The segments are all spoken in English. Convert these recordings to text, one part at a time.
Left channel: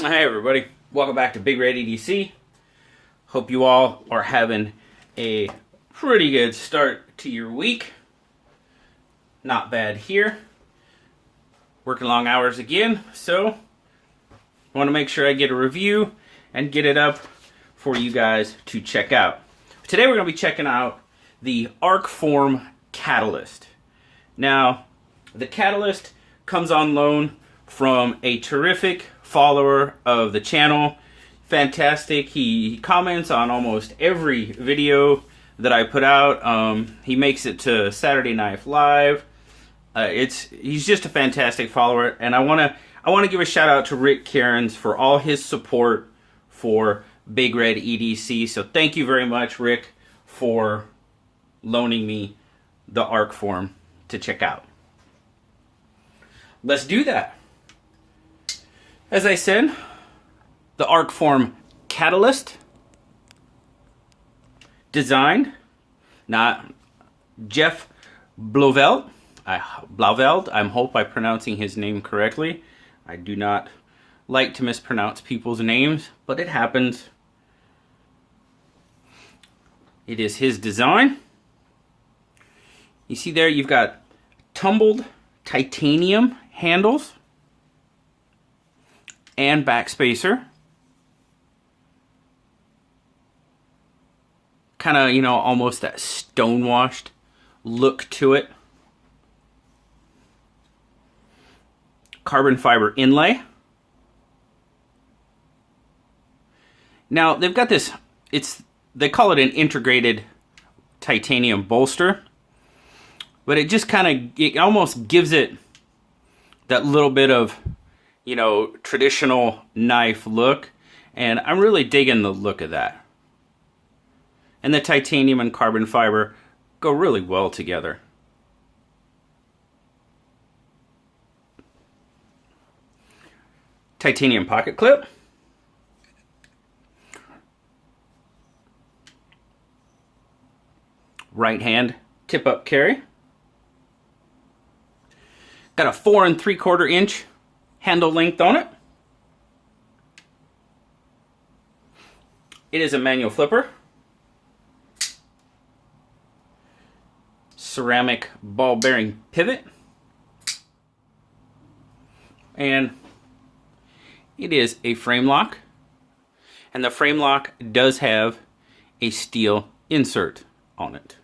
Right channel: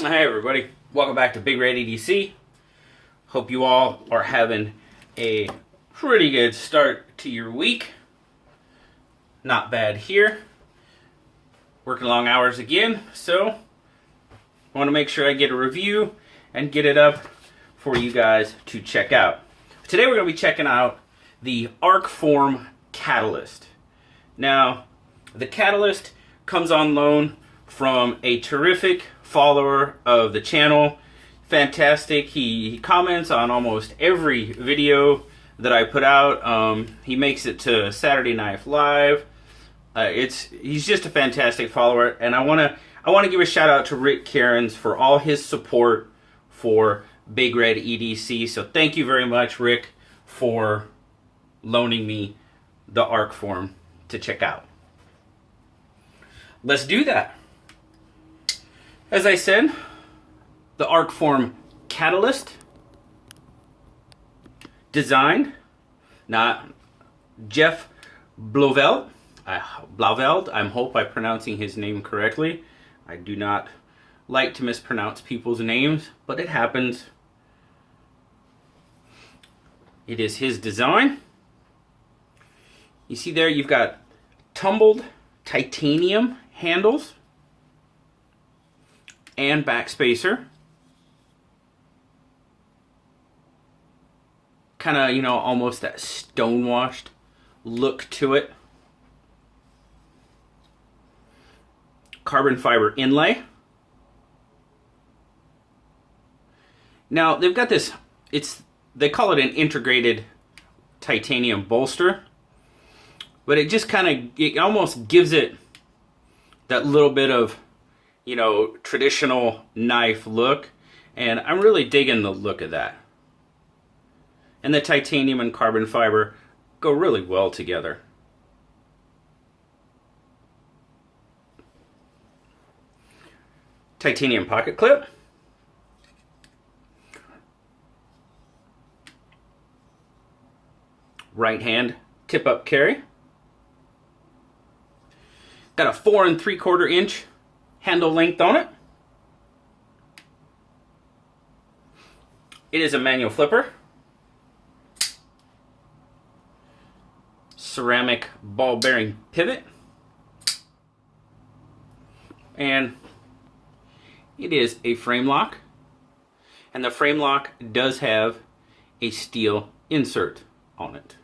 Hey everybody, welcome back to Big Red EDC. Hope you all are having a pretty good start to your week. Not bad here. Working long hours again, so I want to make sure I get a review and get it up for you guys to check out. Today we're going to be checking out the ArcForm Catalyst. Now, the Catalyst comes on loan from a terrific follower of the channel. Fantastic. He comments on almost every video that I put out. He makes it to Saturday Night Live. He's just a fantastic follower, and I want to give a shout out to Rick Kerans for all his support for Big Red EDC. So thank you very much, Rick, for loaning me the ArcForm to check out. Let's do that. As I said, the ArcForm Catalyst, designed, not Jeff Blauvelt. I hope I'm pronouncing his name correctly. I do not like to mispronounce people's names, but it happens. It is his design. You see there, you've got tumbled titanium handles and backspacer. Kind of, almost that stonewashed look to it. Carbon fiber inlay. Now, they've got this, they call it an integrated titanium bolster, but it just it almost gives it that little bit of, traditional knife look, and I'm really digging the look of that. And the titanium and carbon fiber go really well together. Titanium pocket clip. Right hand tip up carry. Got a 4 3/4 inch handle length on it. It is a manual flipper. Ceramic ball bearing pivot. And it is a frame lock. And the frame lock does have a steel insert on it.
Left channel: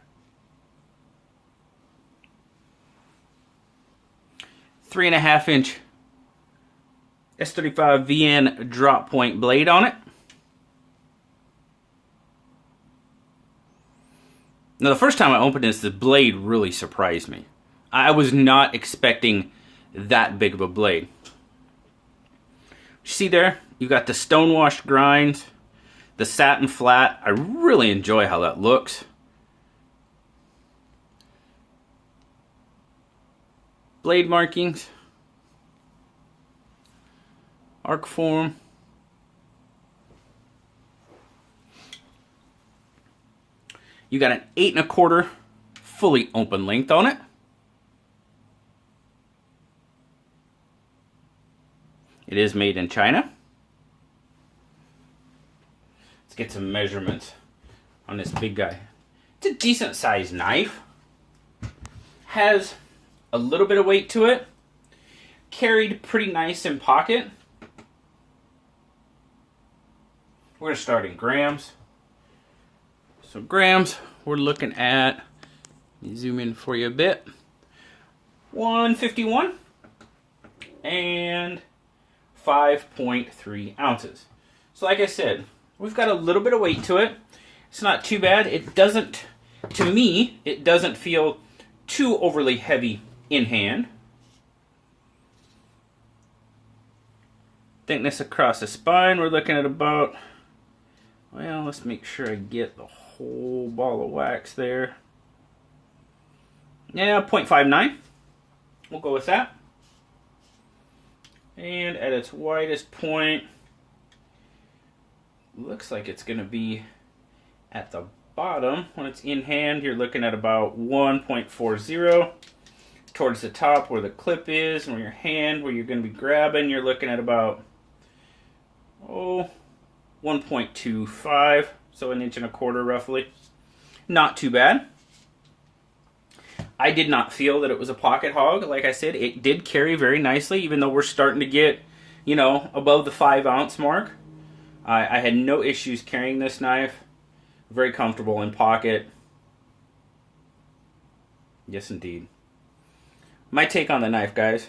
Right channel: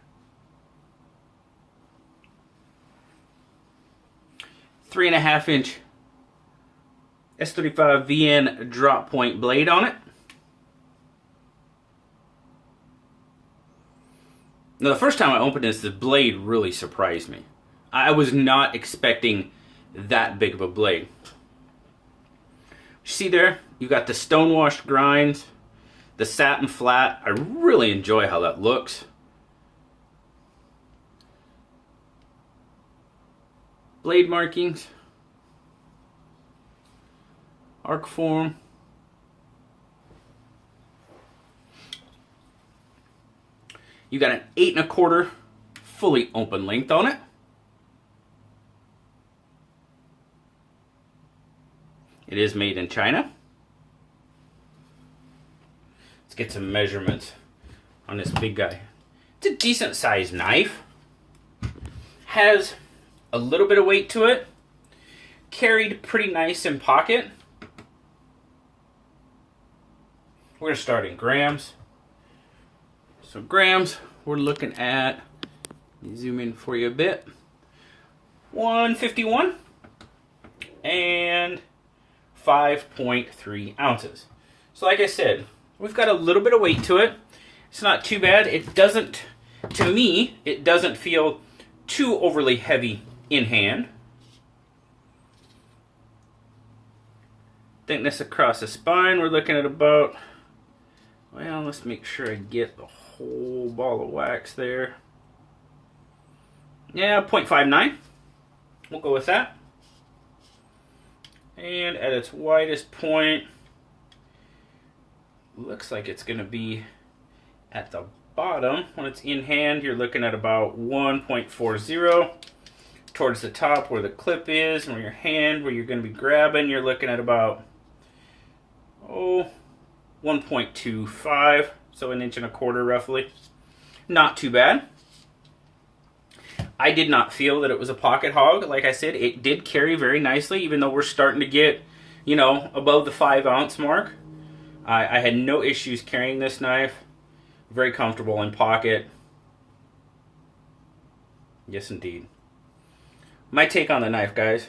3.5 inch S35 VN drop point blade on it. Now, the first time I opened this, the blade really surprised me. I was not expecting that big of a blade. See there, you got the stonewashed grinds, the satin flat. I really enjoy how that looks. Blade markings. ArcForm. You got an 8 1/4 fully open length on it. It is made in China. Let's get some measurements on this big guy. It's a decent sized knife. Has a little bit of weight to it. Carried pretty nice in pocket. We're going to start in grams. So grams, we're looking at, let me zoom in for you a bit, 151 and 5.3 ounces. So like I said, we've got a little bit of weight to it. It's not too bad. It doesn't, to me, it doesn't feel too overly heavy in hand. Thickness across the spine, we're looking at about, well, let's make sure I get the whole ball of wax there. Yeah, 0.59. We'll go with that. And at its widest point, looks like it's going to be at the bottom. When it's in hand, you're looking at about 1.40. Towards the top where the clip is, and your hand where you're going to be grabbing, you're looking at about 1.25, so 1.25 inches roughly. Not too bad. I did not feel that it was a pocket hog. Like I said, it did carry very nicely, even though we're starting to get, above the 5-ounce mark. I had no issues carrying this knife. Very comfortable in pocket. Yes, indeed. My take on the knife, guys.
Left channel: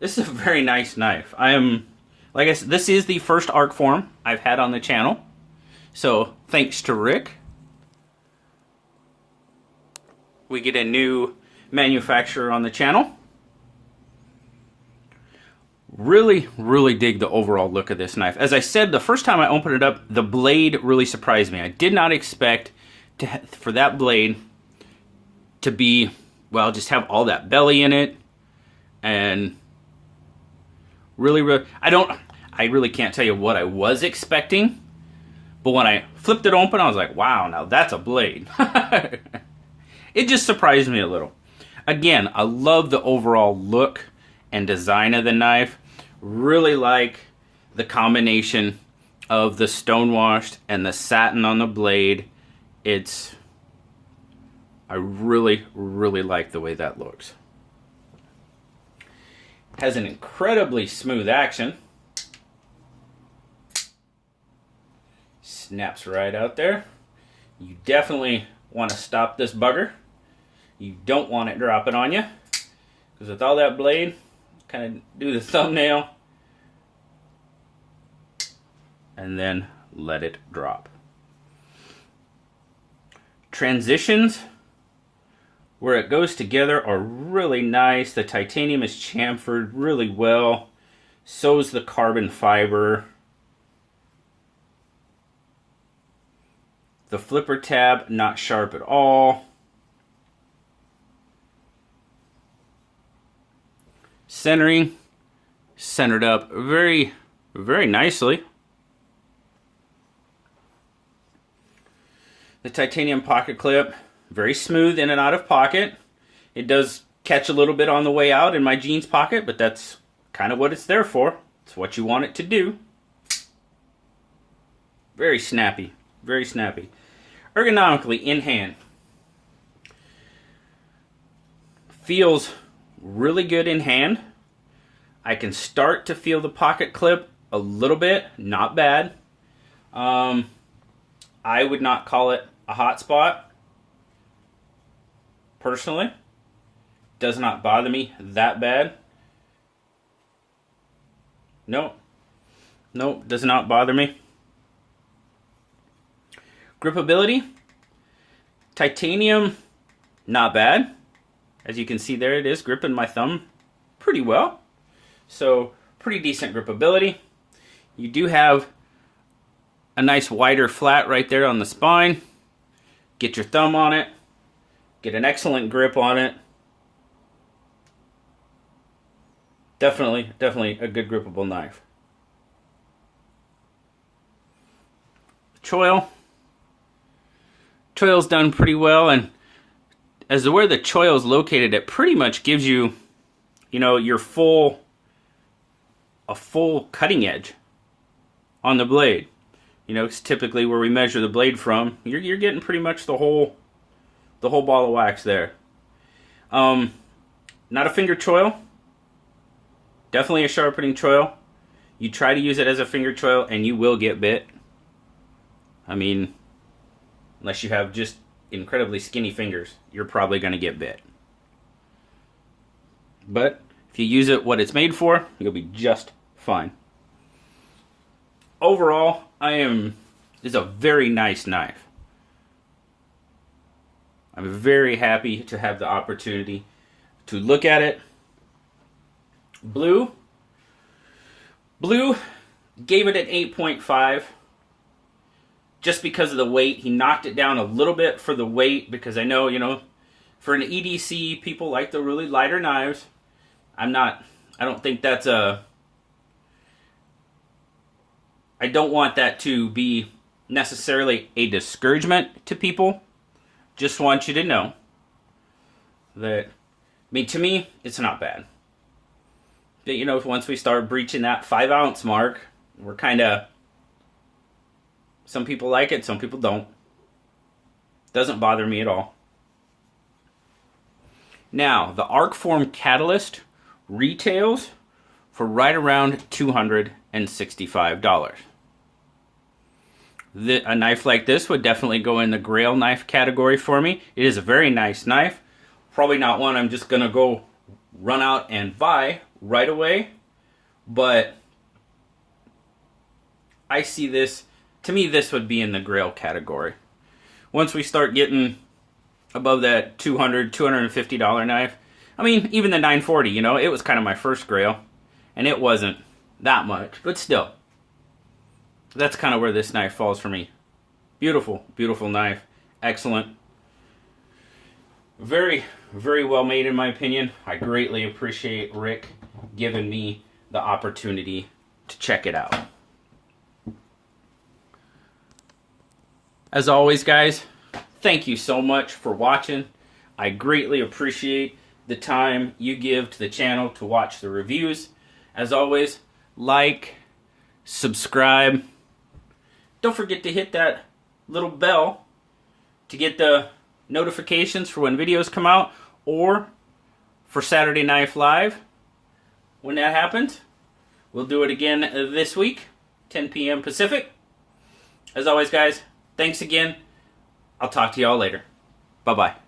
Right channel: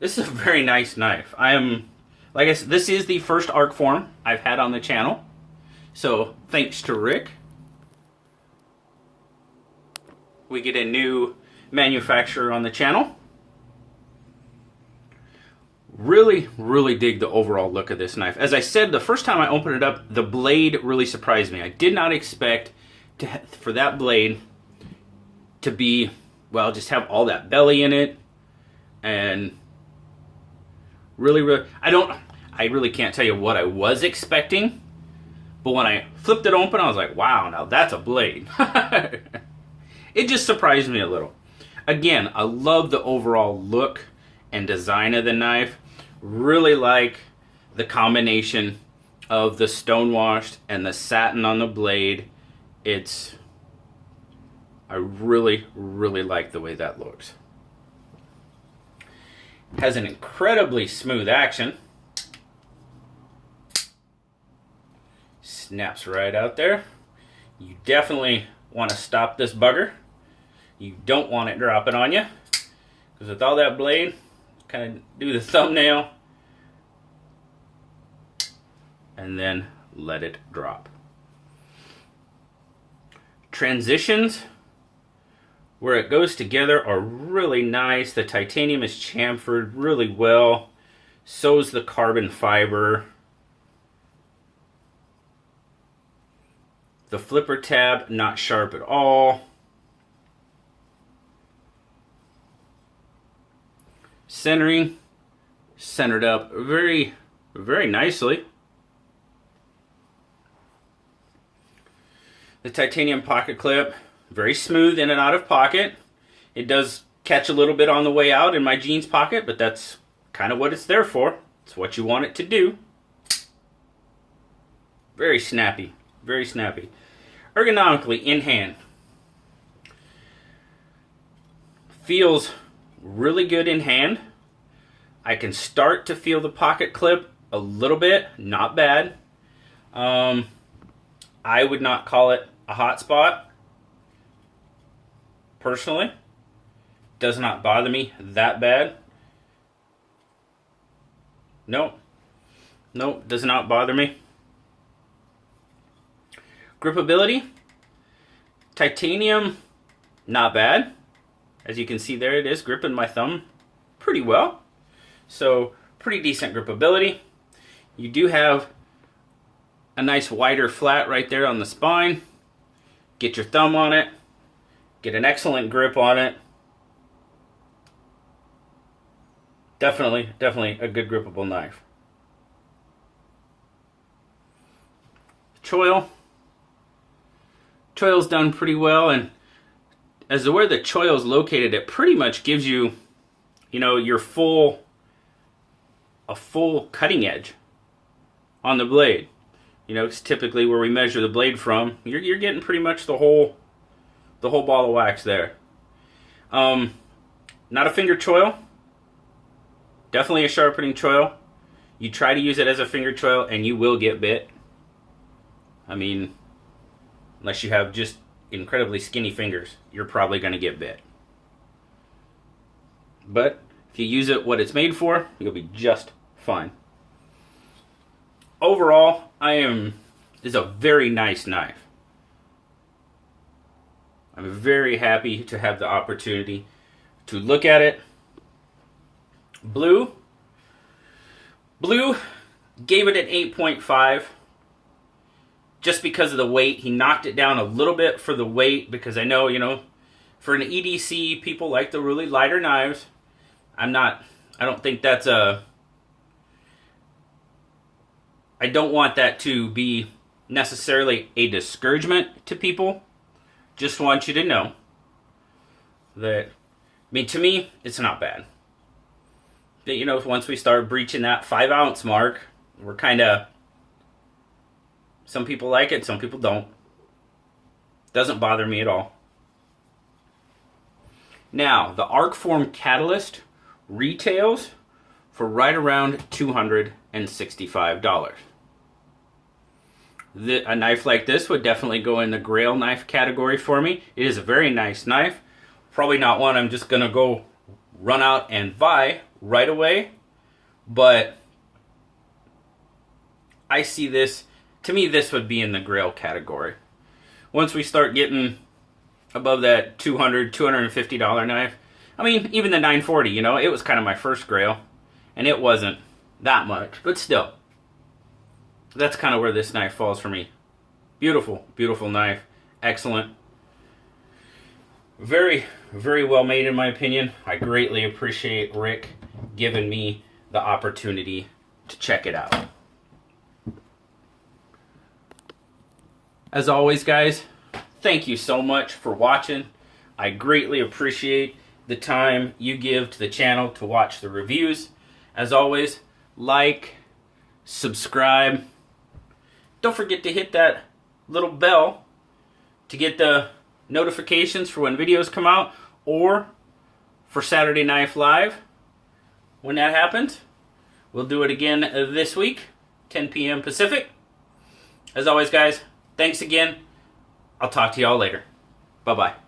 This is a very nice knife. Like I said, this is the first ArcForm I've had on the channel. So, thanks to Rick. We get a new manufacturer on the channel. Really, really dig the overall look of this knife. As I said, the first time I opened it up, the blade really surprised me. I did not expect for that blade to be, well, just have all that belly in it. And really, I really can't tell you what I was expecting. But when I flipped it open, I was like, wow, now that's a blade. It just surprised me a little. Again, I love the overall look and design of the knife. Really like the combination of the stonewashed and the satin on the blade. I really, really like the way that looks. Has an incredibly smooth action. Snaps right out there. You definitely want to stop this bugger. You don't want it dropping on you. Because with all that blade, kind of do the thumbnail and then let it drop. Transitions where it goes together are really nice. The titanium is chamfered really well. So's the carbon fiber. The flipper tab, not sharp at all. Centering, centered up very, very nicely. The titanium pocket clip, very smooth in and out of pocket. It does catch a little bit on the way out in my jeans pocket, but that's kind of what it's there for. It's what you want it to do. Very snappy, very snappy. Ergonomically in hand. Feels really good in hand. I can start to feel the pocket clip a little bit, not bad. I would not call it a hot spot. Personally, does not bother me that bad. Nope, does not bother me. Gripability, titanium, not bad. As you can see there, it is gripping my thumb pretty well. So, pretty decent gripability. You do have a nice wider flat right there on the spine. Get your thumb on it. Get an excellent grip on it. Definitely a good grippable knife. Choil. Choil's done pretty well, and as to where the choil is located, it pretty much gives you, your a full cutting edge on the blade. It's typically where we measure the blade from. You're getting pretty much the whole ball of wax there. Not a finger choil. Definitely a sharpening choil. You try to use it as a finger choil and you will get bit. Unless you have just incredibly skinny fingers, you're probably going to get bit. But if you use it what it's made for, you'll be just fine. Overall, it's a very nice knife. I'm very happy to have the opportunity to look at it. Blue gave it an 8.5 just because of the weight. He knocked it down a little bit for the weight because I know, for an EDC, people like the really lighter knives. I don't think that's I don't want that to be necessarily a discouragement to people. Just want you to know that, to me, it's not bad. But, once we start breaching that 5-ounce mark, We're kind of, some people like it, some people don't. Doesn't bother me at all. Now, the ArcForm Catalyst retails for right around $265. A knife like this would definitely go in the grail knife category for me. It is a very nice knife. Probably not one I'm just going to go run out and buy right away. But I see this, to me this would be in the grail category. Once we start getting above that $200, $250 knife, I mean, even the 940, you know, it was kind of my first grail. And it wasn't that much, but still. That's kind of where this knife falls for me. Beautiful, beautiful knife. Excellent. Very, very well made in my opinion. I greatly appreciate Rick giving me the opportunity to check it out. As always, guys, thank you so much for watching. I greatly appreciate the time you give to the channel to watch the reviews. As always, like, subscribe. Don't forget to hit that little bell to get the notifications for when videos come out, or for Saturday Knife Live. When that happens, we'll do it again this week, 10 p.m. Pacific. As always, guys, thanks again. I'll talk to y'all later. Bye-bye.